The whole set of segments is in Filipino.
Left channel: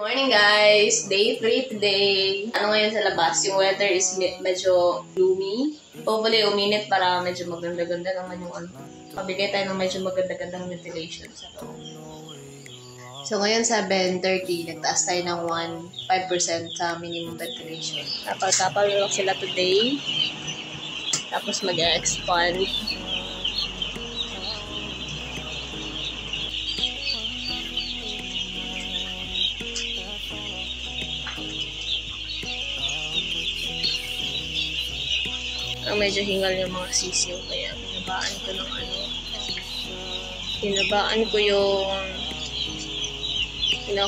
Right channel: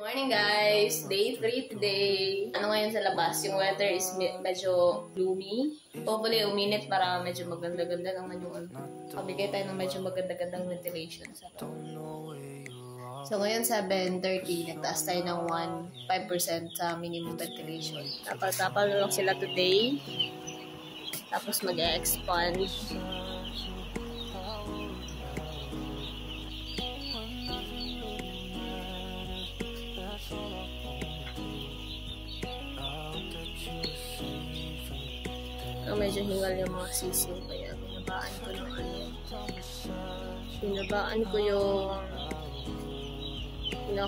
Morning guys! Day 3 today. Ano ngayon sa labas? Yung weather is medyo gloomy. Hopefully uminit para medyo maganda-ganda naman yung ano. Pabigay tayo ng medyo maganda-gandang ventilation sa loob. So ngayon 7:30, nagtaas tayo ng 5% sa minimum ventilation. Tapal lang sila today. Tapos mag-expand. Medyo hingal yung mga sisiw, kaya binabaan ko ng ano. Binabaan ko yung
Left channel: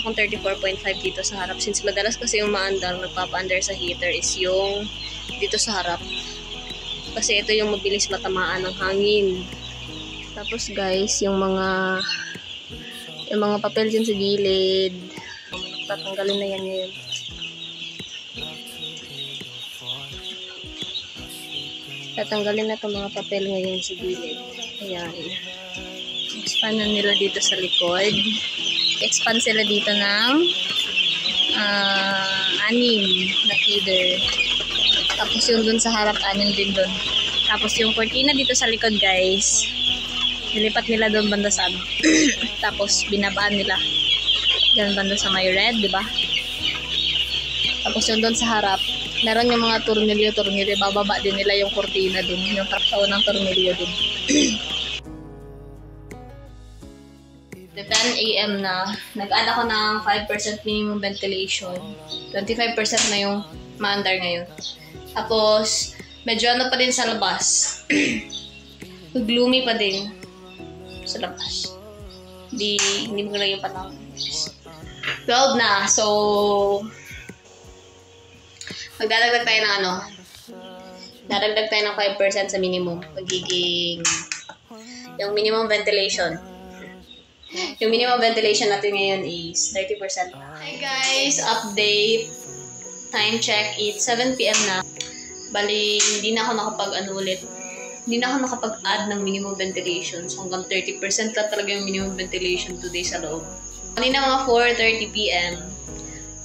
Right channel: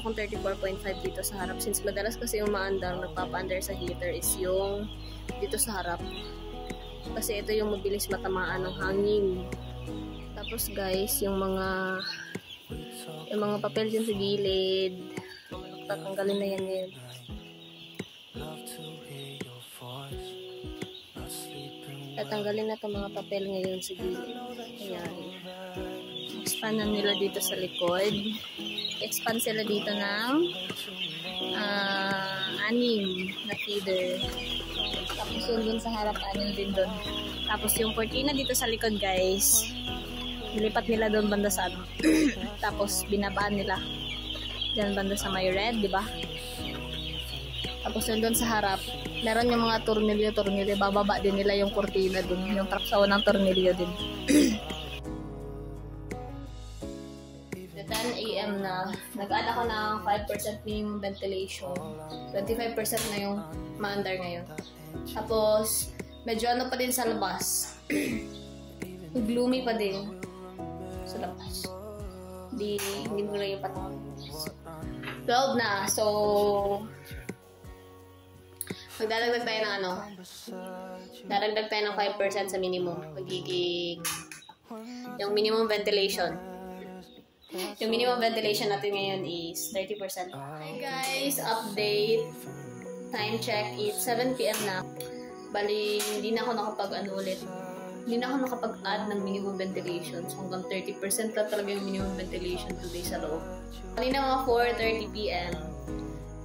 akong 34.5 dito sa harap. Since madalas kasi yung maandar, nagpapa-under sa heater is yung dito sa harap. Kasi ito yung mabilis matamaan ng hangin. Tapos guys, yung mga papel dyan sa gilid, tatanggalin na yan ngayon. Tatanggalin na itong mga papel ngayon sa gilid. Ayan. Expand na nila dito sa likod. Expand sila dito ng 6 na feeder. Tapos yung dun sa harap, 6 din dun. Tapos yung cortina dito sa likod guys, nilipat nila doon banda sa ano. Tapos binabaan nila dyan banda sa may red, diba? Tapos yung dun sa harap, meron yung mga tornilyo, bababa din nila yung cortina din, yung taksaw ng tornilyo din. The 10 AM na, nag-add ako ng 5% minimum ventilation. 25% na yung maandar ngayon. Tapos, medyo ano pa din sa labas. Gloomy pa din sa labas. Hindi mo lang yung patawag. 12 na, so magdadagdag tayo ng ano, dadagdag tayo ng 5% sa minimum. Magiging yung minimum ventilation. Yung minimum ventilation natin ngayon is 30%. Hi guys, update. Time check, it's 7 PM na. Bali, hindi na ako nakapag-add ng minimum ventilation. So hanggang 30% lang talaga yung minimum ventilation today sa loob. Kanina mga 4:30 PM.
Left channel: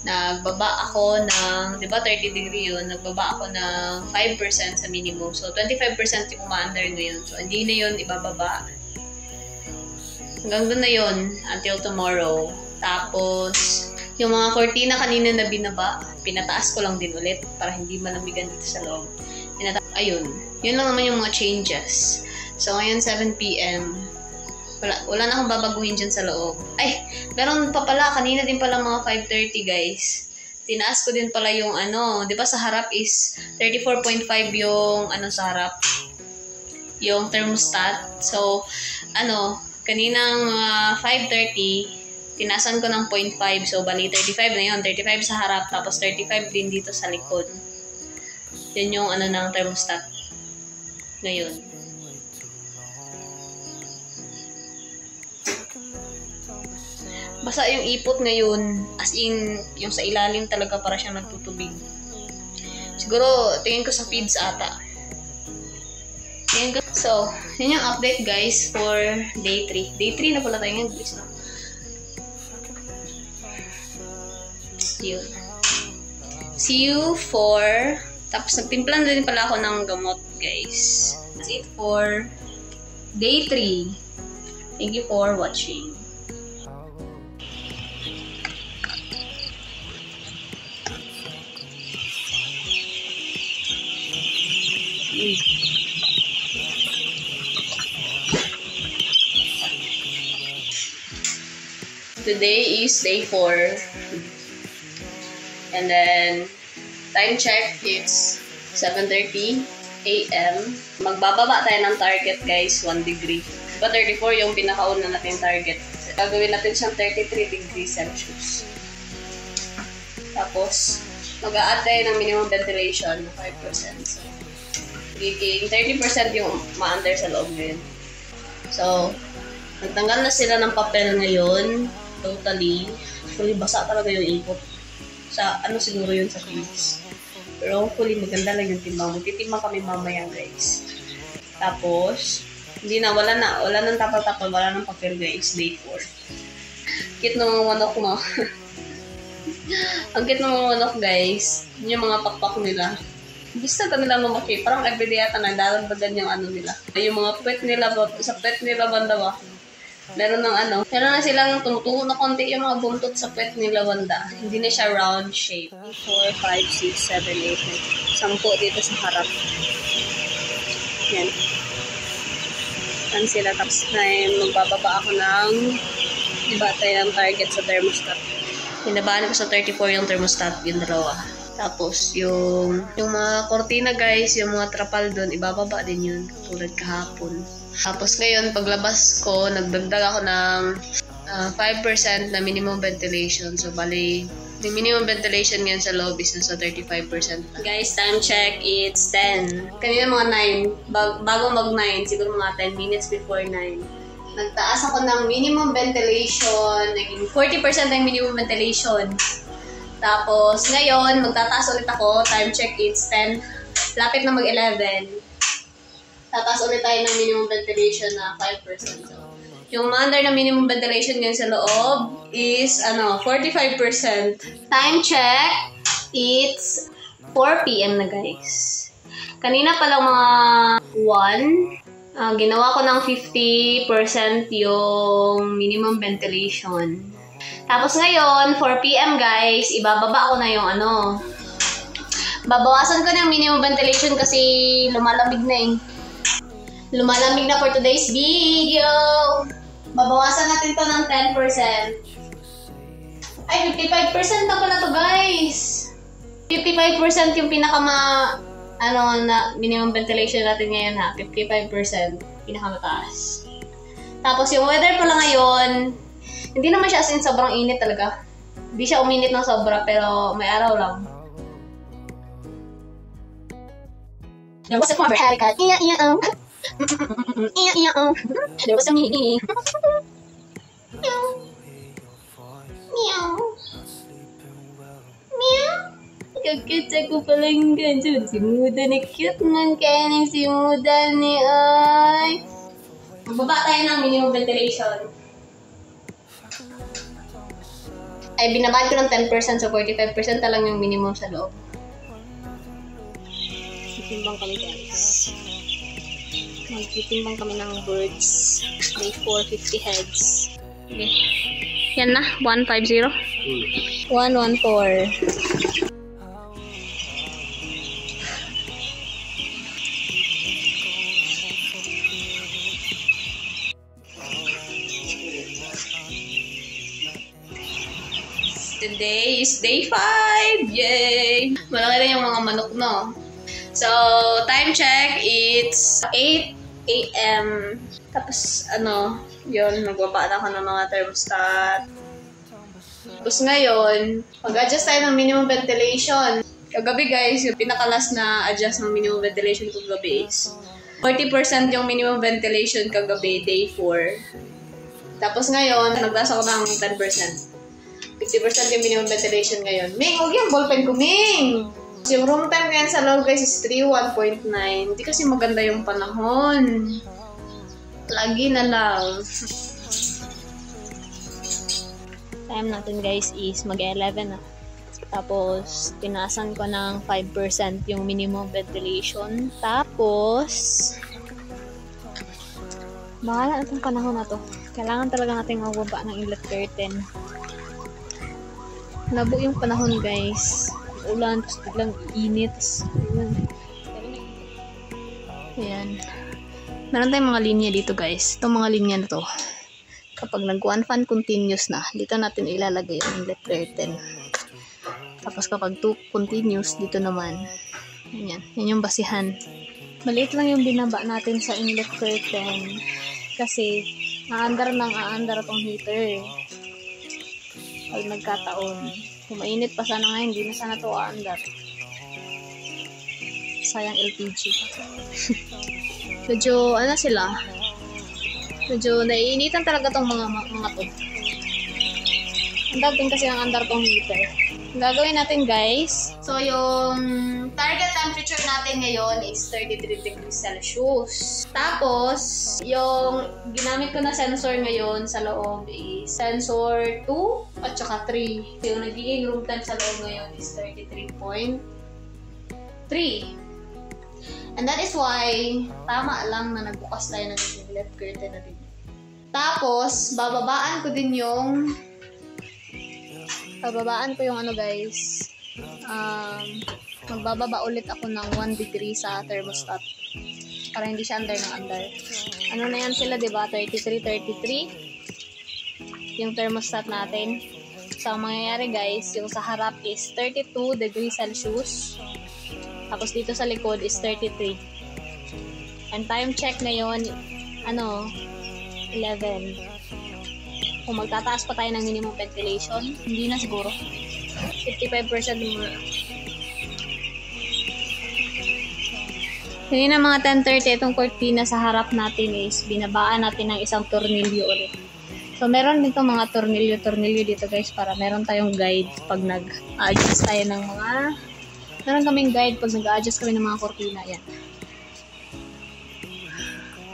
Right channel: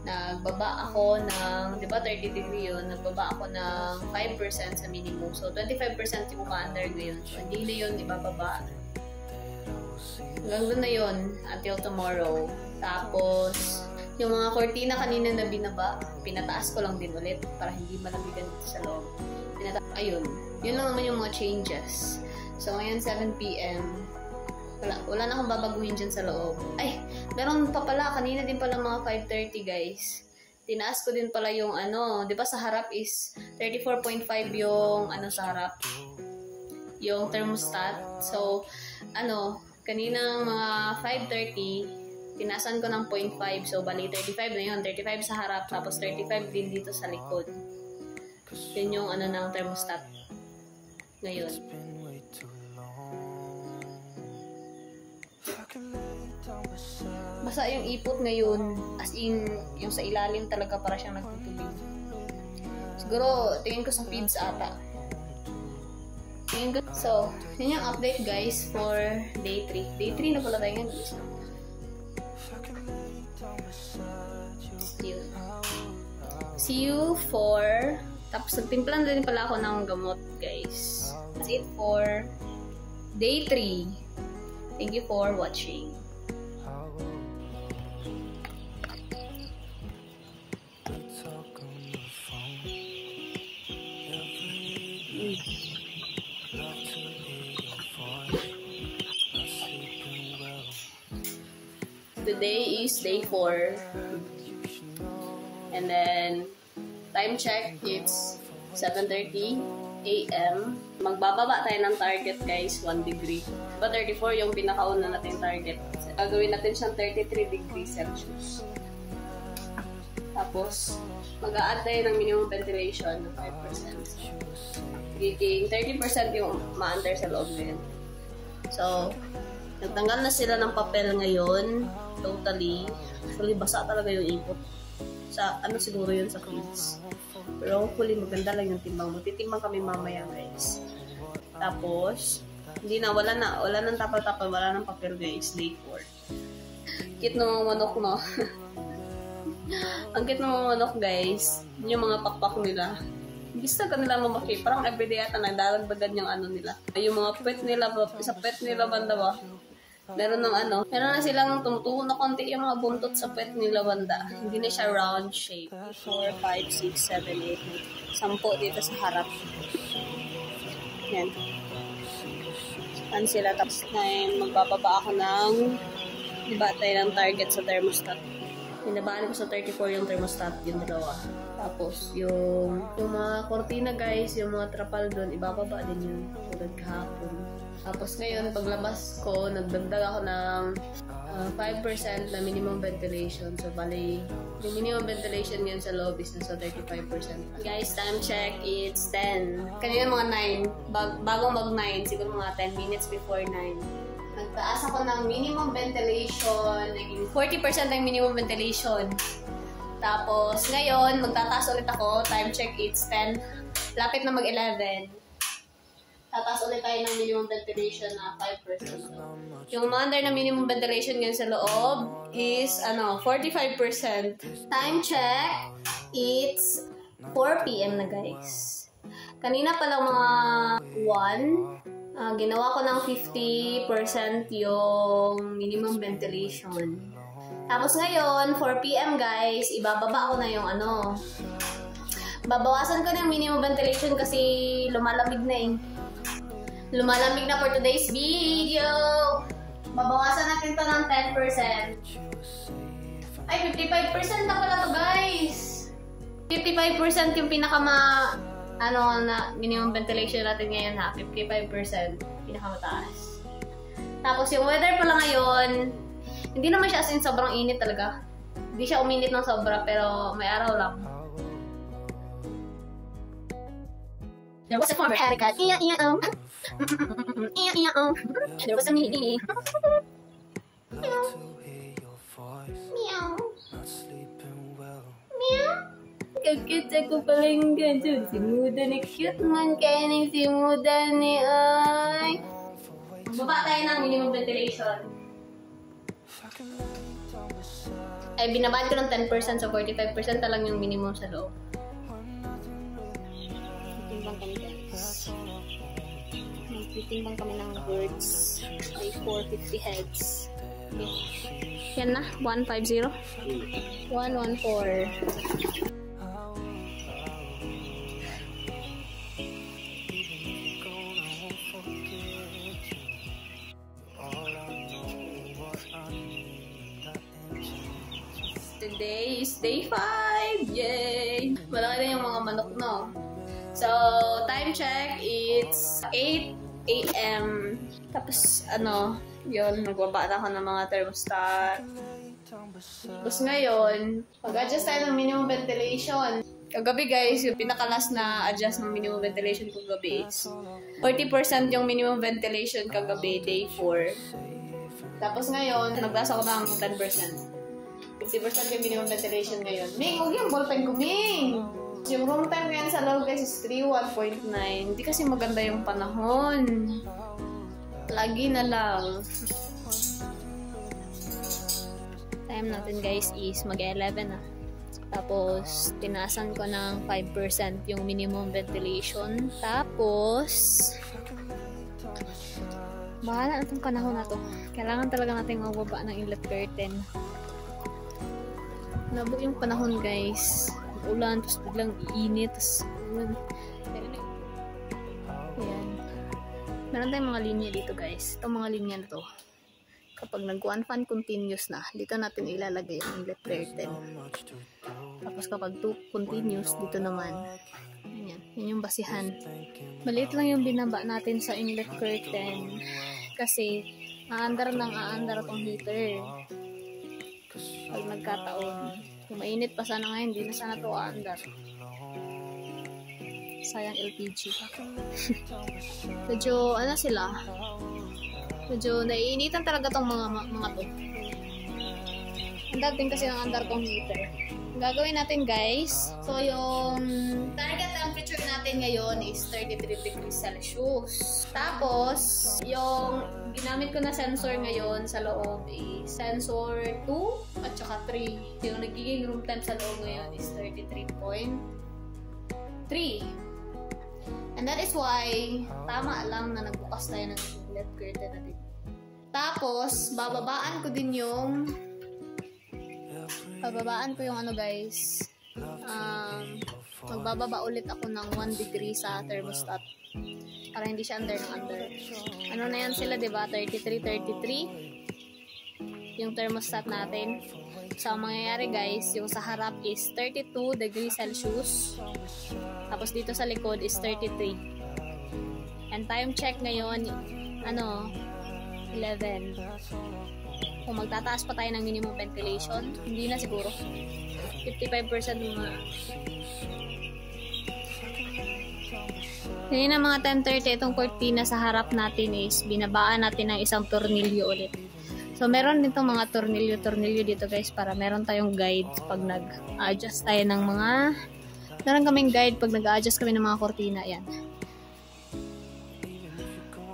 Nagbaba ako ng, di ba 30 degree yun, nagbaba ako ng 5% sa minimum. So, 25% yung umaandar ngayon. So, hindi na yun ibababa. Hanggang doon na yun until tomorrow. Tapos, yung mga cortina kanina na binaba, pinataas ko lang din ulit para hindi malamigan dito sa loob. Ayun. Yun lang naman yung mga changes. So, ngayon 7 PM. Wala na akong babaguhin dyan sa loob. Ay, meron pa pala. Kanina din pala mga 5:30 guys. Tinaas ko din pala yung ano. Di ba sa harap is 34.5 yung ano sa harap. Yung thermostat. So, ano, kaninang 5:30, tinaasan ko ng 0.5. So, bali 35 na yun. 35 sa harap. Tapos 35 din dito sa likod. Yan yung ano ng thermostat. Ngayon. Basta yung ipot ngayon, as in, yung sa ilalim talaga para siyang nagtutubig. Siguro, tingin ko sa feeds ata. So, yun yung update guys for day 3. Day 3 na pala tayo ngayon. See you for... Tapos nagtimpla na din pala ako ng gamot guys. That's it for day 3. Thank you for watching. Today is day 4. And then, time check, it's 7:30 AM. Magbababa tayo ng target guys, 1 degree. But 34 yung pinakauna natin target. So, gagawin natin siyang 33 degrees Celsius. Tapos, mag-a-add tayo ng minimum ventilation, 5%. So, 30% yung ma-under sa loob ngayon. So, nagtanggal na sila ng papel ngayon. Totally. Actually, basa talaga yung ipot. Sa ano siguro yun sa feeds. Pero hopefully maganda lang yung timbang. Magtitimba kami mamaya guys. Tapos, wala nang tapal-tapal, wala nang papel guys. Day 4. Cute nung manok mo. Ang cute ng mga manok, guys. Yung mga pakpak nila. Gusto nila mamaki. Parang everyday yata nagdadagdagan yung ano nila. Yung mga pet nila, sa pet nila banda ba? Meron na silang tumutuho na konti yung mga buntot sa pet nila banda. Hindi na siya round shape. 4, 5, 6, 7, 8, 10 dito sa harap. Yan. Yan sila. Tapos na magbababa ako ng batay ng target sa thermostat. Hinabaan ko sa 34 yung thermostat, yung dalawa. Tapos, yung mga kortina guys, yung mga trapal doon, ibababa din yun, tulad kahapon. Tapos ngayon, paglabas ko, nagdagdag ako ng 5% na minimum ventilation. So, bali, yung minimum ventilation ngayon sa loob is nasa 35%. Guys, time check, it's 10. Kanina mga 9, bago mag-9, siguro mga 10 minutes before 9. Nagtaas ako ng minimum ventilation, naging 40% ng minimum ventilation. Tapos, ngayon, magtataas ulit ako. Time check, it's 10. Lapit na mag-11. Tataas ulit tayo ng minimum ventilation na 5%. Yung under na minimum ventilation ngayon sa loob is, 45%. Time check, it's 4 p.m. na guys. Kanina pa lang mga 1. Ginawa ko ng 50% yung minimum ventilation. Tapos ngayon, 4 p.m. guys, ibababa ko na yung babawasan ko na yung minimum ventilation kasi lumalamig na eh. Lumalamig na for today's video. Babawasan natin to ng 10%. Ay, 55% na pala to guys. 55% yung na minimum ventilation natin ngayon ha. 55%. Pinakamataas. Tapos yung weather pala ngayon, hindi naman siya as in sobrang init talaga. Hindi siya uminit ng sobra pero may araw lang. There was a farmer had a cat. There was a me. Meow. Meow. Kakita ko palang ganyan. Si Muda na cute man kaya ng si Muda ni ay. Magbaba tayo ng minimum ventilation. Ay, binabaan ko ng 10%, so 45% na lang yung minimum sa loob. Magtitimbang kami guys. Magtitimbang kami ng birds. May 450 heads. Okay. Yan na, 150. 114. Today is day 5! Yay! Malaki na yung mga manok, no? So, time check, it's 8 a.m. Tapos, yun, magbaba na ako ng mga thermostat. Tapos ngayon, mag-adjust tayo ng minimum ventilation. Kagabi guys, yung pinakalas na adjust ng minimum ventilation kagabi is 40% yung minimum ventilation kagabi, day 4. Tapos ngayon, nagtaas ako ng 10%. 50% yung minimum ventilation ngayon. Ming, huwag yung ballpen ko, Ming! Yung room time ngayon sa loob guys is 31.9. Hindi kasi maganda yung panahon. Lagi na lang. Time natin guys is mag-11 na. Tapos, tinaasan ko ng 5% yung minimum ventilation. Tapos, mahala na itong panahon na to. Kailangan talaga natin magbaba ng inlet curtain. Labo yung panahon guys. Ulan, tapos biglang init. Ayan. Meron tayong mga linya dito guys. Itong mga linya na to. Kapag nag-one fan continuous na, dito natin ilalagay yung inlet curtain. Tapos kapag 2 continuous, dito naman. Ayan. Yan yung basihan. Maliit lang yung binaba natin sa inlet curtain. Kasi, naandar tong heater. Pag nagkataon. Kung mainit pa sana ngayon, hindi na sana ito aandar. Sayang LPG. Medyo, sila? Medyo naiinitan talaga tong mga to. Dating kasi ang andar tong heater. Gagawin natin guys. So yung target temperature natin ngayon is 33 degrees Celsius. Tapos yung ginamit ko na sensor ngayon sa loob is sensor 2 at saka 3. Yung nagiging room temp sa loob ngayon is 33.3. And that is why tama lang na nagbukas tayo ng LED curtain natin. Tapos bababaan ko yung ano guys, magbababa ulit ako ng 1 degree sa thermostat para hindi siya under ng under. Ano na yan sila, diba? 33 yung thermostat natin. So ang mangyayari guys, yung sa harap is 32 degrees Celsius, tapos dito sa likod is 33. And time check ngayon 11. Kung magtataas pa tayo ng minimum ventilation, hindi na siguro. 55% muna. Ngayon na mga 10:30, itong cortina sa harap natin is binabaan natin ng isang tornilyo ulit. So meron dito mga tornilyo dito guys para meron tayong guide pag nag-adjust tayo ng mga... Meron kaming guide pag nag-adjust kami ng mga cortina. Yan.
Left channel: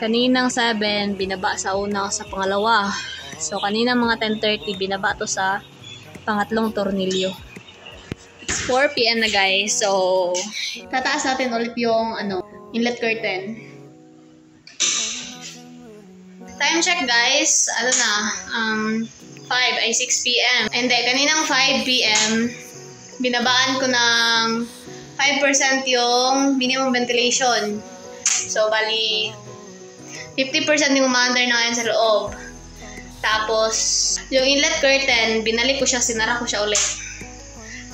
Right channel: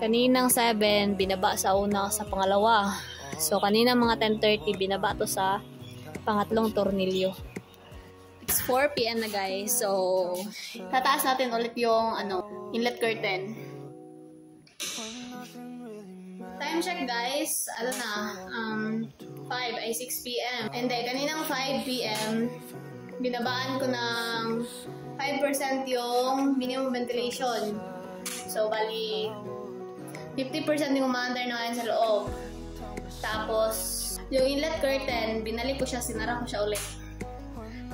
Kaninang 7, binaba sa una sa pangalawa. So, kanina mga 10:30, binaba to sa pangatlong tornilyo. It's 4 PM na guys. So, tataas natin ulit yung inlet curtain. Time check guys. 6 PM. And then, kaninang 5 PM, binabaan ko ng 5% yung minimum ventilation. So, bali, 50% yung umaandar na ngayon sa loob. Tapos, yung inlet curtain, binalik ko siya, sinara ko siya ulit.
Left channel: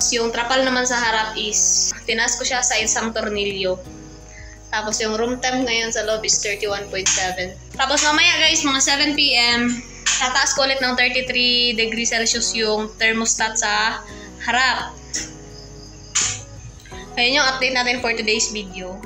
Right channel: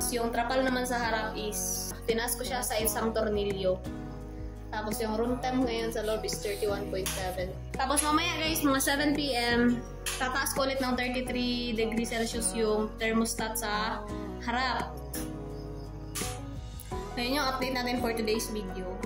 Yung trapal naman sa harap is, tinaas ko siya sa isang tornilyo. Tapos yung room temp ngayon sa loob is 31.7. Tapos mamaya guys, mga 7 PM, tataas ko ulit ng 33 degrees Celsius yung thermostat sa harap. Ayun yung update natin for today's video.